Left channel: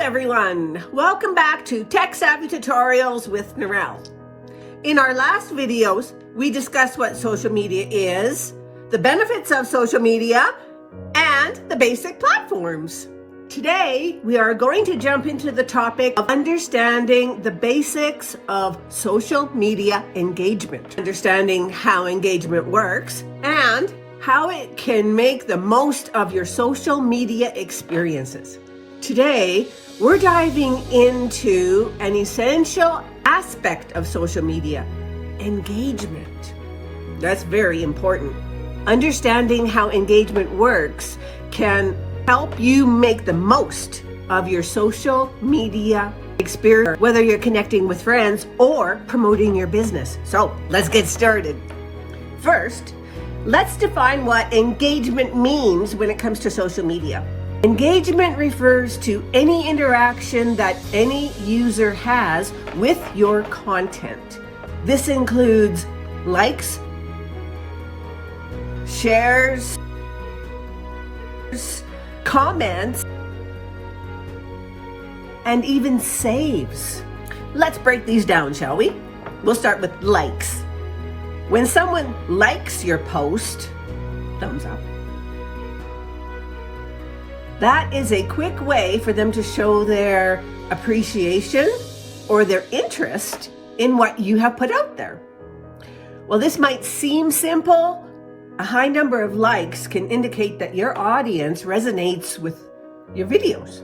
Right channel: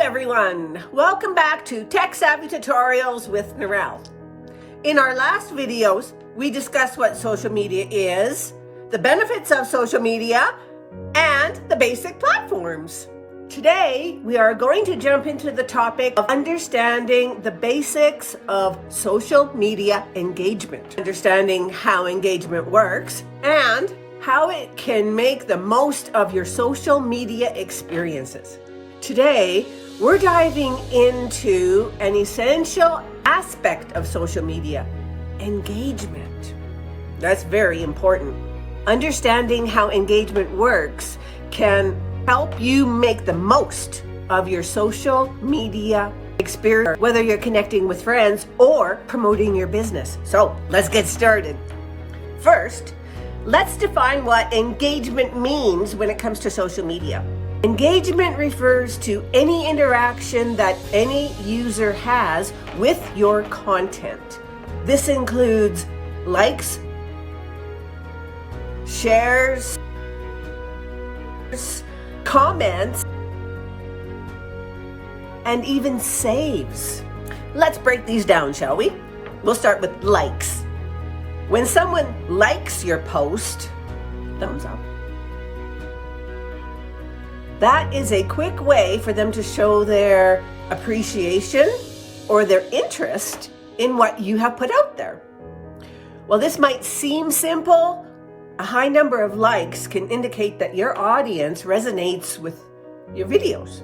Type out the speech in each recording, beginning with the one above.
everyone, welcome back to Tech Savvy Tutorials with Narelle. In our last videos, we discussed what social media is, the benefits of social media, and the basic platforms. Today, we are going to jump into the topic of understanding the basics of social media engagement, understanding how engagement works, and how it can make the most of your social media experiences. Today, we're diving into an essential aspect of social media, engagement. That's very important. Understanding how engagement works can help you make the most of your social media experience, whether you're connecting with friends or promoting your business. So let's get started. First, let's define what engagement means when it comes to social media. Engagement refers to any interaction that any user has with your content. This includes likes, shares, comments, and even saves. Let's break these down, shall we? We'll start with likes. When someone likes your post, thumbs up. That is a quick way for them to show their appreciation or their interest in what you have put out there. While this might seem simple, a high number of likes can indicate that your audience resonates with your videos.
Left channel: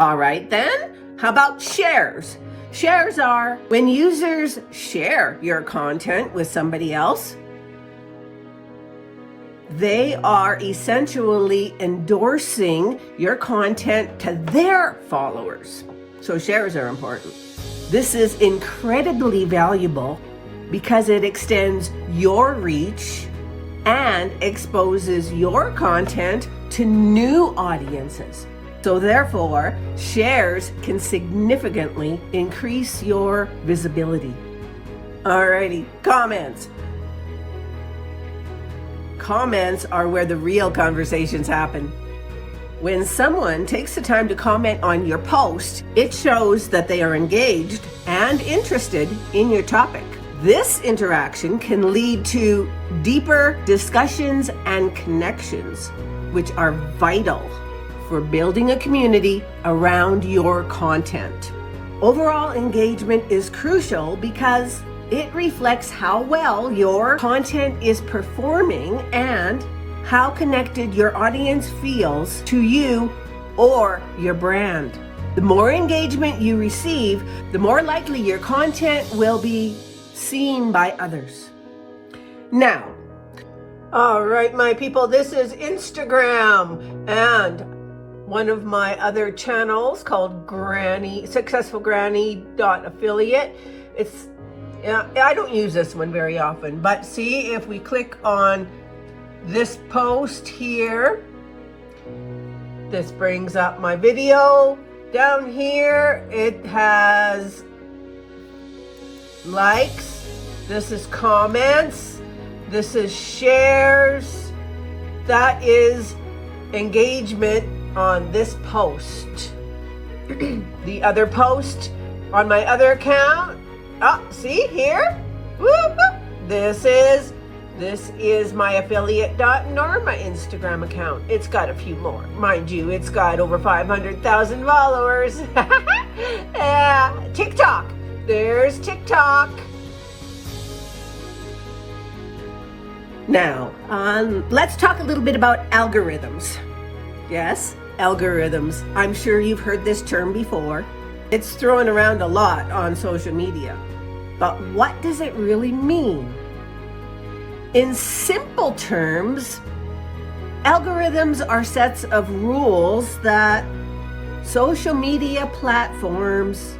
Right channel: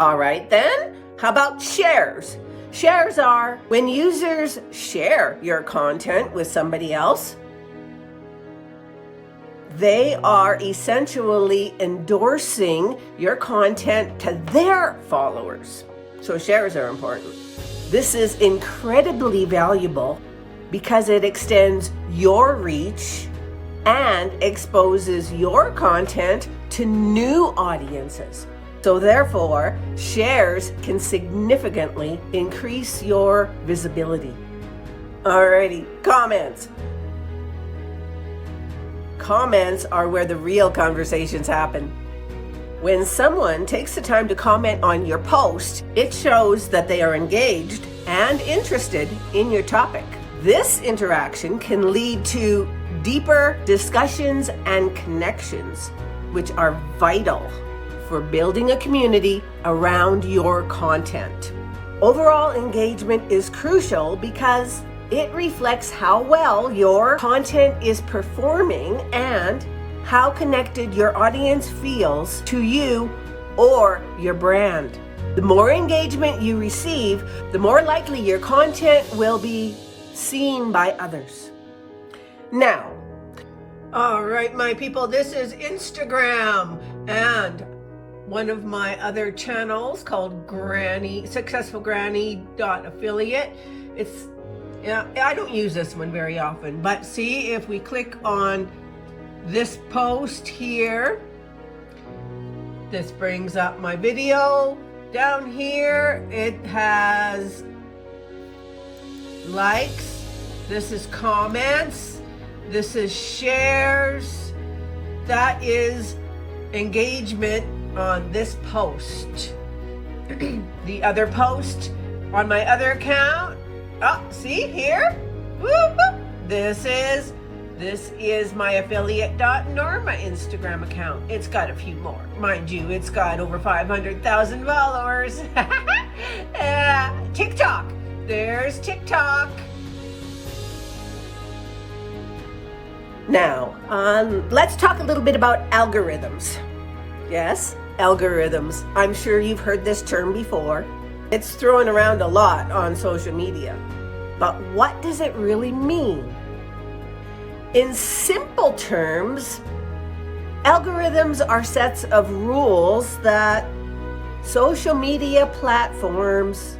All right then, how about shares? Shares are when users share your content with somebody else. They are essentially endorsing your content to their followers. So shares are important. This is incredibly valuable because it extends your reach and exposes your content to new audiences. So therefore, shares can significantly increase your visibility. Alrighty, comments. Comments are where the real conversations happen. When someone takes the time to comment on your post, it shows that they are engaged and interested in your topic. This interaction can lead to deeper discussions and connections, which are vital for building a community around your content. Overall engagement is crucial because it reflects how well your content is performing and how connected your audience feels to you or your brand. The more engagement you receive, the more likely your content will be seen by others. Now, all right, my people, this is Instagram and one of my other channels called successfulgranny.affiliate. I don't use this one very often, but see, if we click on this post here, this brings up my video. Down here, it has likes, this is comments, this is shares, that is engagement on this post. The other post on my other account, see here? Whoop, whoop. This is my affiliate.norma Instagram account. It's got a few more. Mind you, it's got over 500,000 followers. TikTok. There's TikTok. Now, let's talk a little bit about algorithms. Yes, algorithms. I'm sure you've heard this term before. It's thrown around a lot on social media. But what does it really mean? In simple terms, algorithms are sets of rules that social media platforms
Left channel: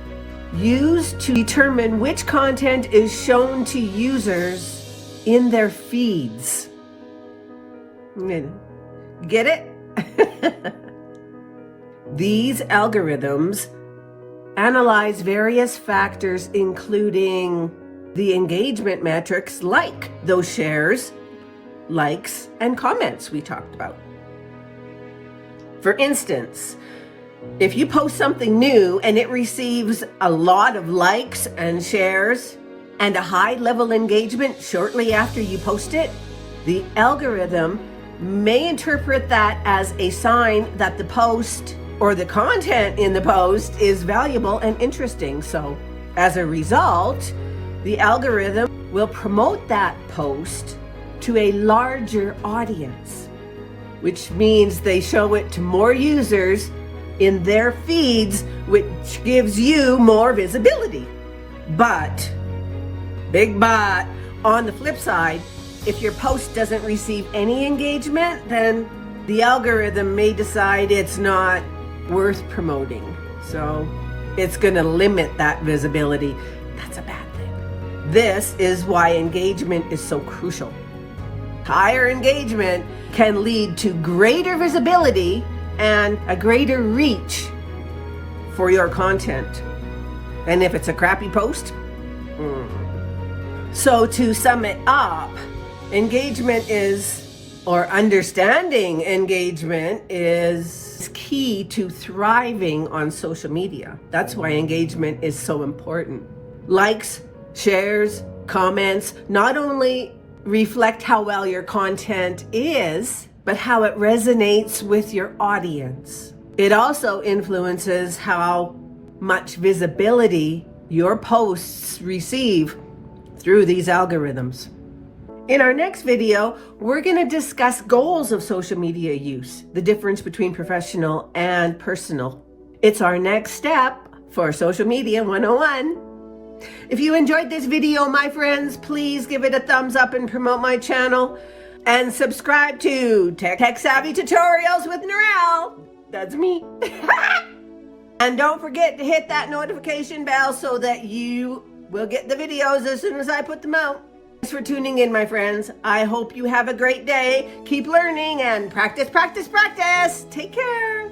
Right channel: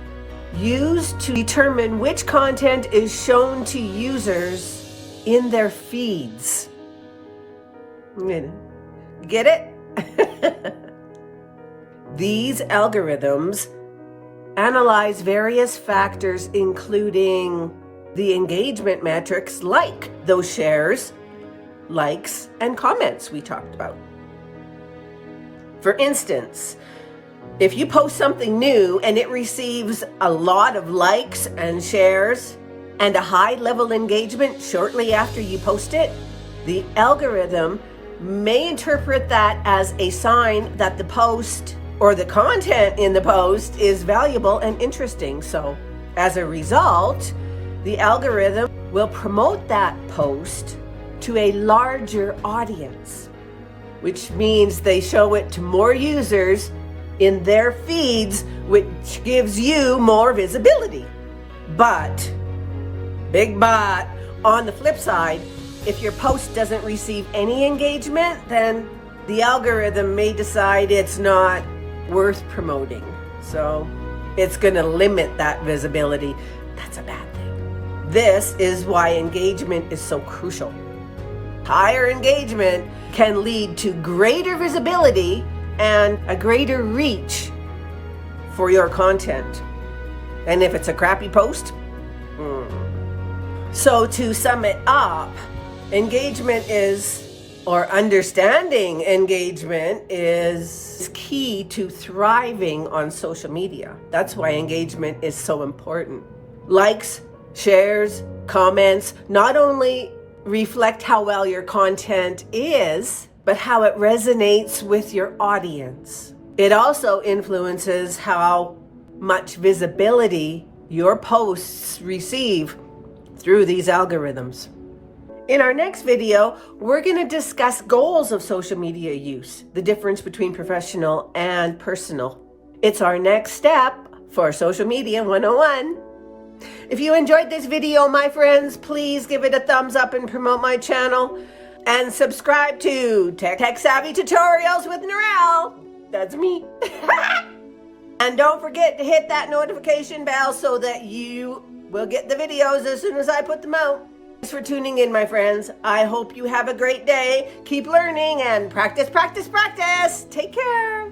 use to determine which content is shown to users in their feeds. Get it? These algorithms analyze various factors, including the engagement metrics like those shares, likes, and comments we talked about. For instance, If you post something new and it receives a lot of likes and shares and a high level engagement shortly after you post it, the algorithm may interpret that as a sign that the post or the content in the post is valuable and interesting. So as a result, the algorithm will promote that post to a larger audience, which means they show it to more users in their feeds, which gives you more visibility. But, big but, on the flip side, if your post doesn't receive any engagement, then the algorithm may decide it's not worth promoting. So it's gonna limit that visibility. That's a bad thing. This is why engagement is so crucial. Higher engagement can lead to greater visibility and a greater reach for your content. And if it's a crappy post, So to sum it up, engagement is, or understanding engagement is key to thriving on social media. That's why engagement is so important. Likes, shares, comments not only reflect how well your content is, but how it resonates with your audience. It also influences how much visibility your posts receive through these algorithms. In our next video, we're going to discuss goals of social media use, the difference between professional and personal. It's our next step for Social Media 101. If you enjoyed this video, my friends, please give it a thumbs up and promote my channel. And subscribe to Tech Savvy Tutorials with Narelle. That's me. And don't forget to hit that notification bell so that you will get the videos as soon as I put them out. Thanks for tuning in, my friends. I hope you have a great day. Keep learning and practice, practice, practice. Take care.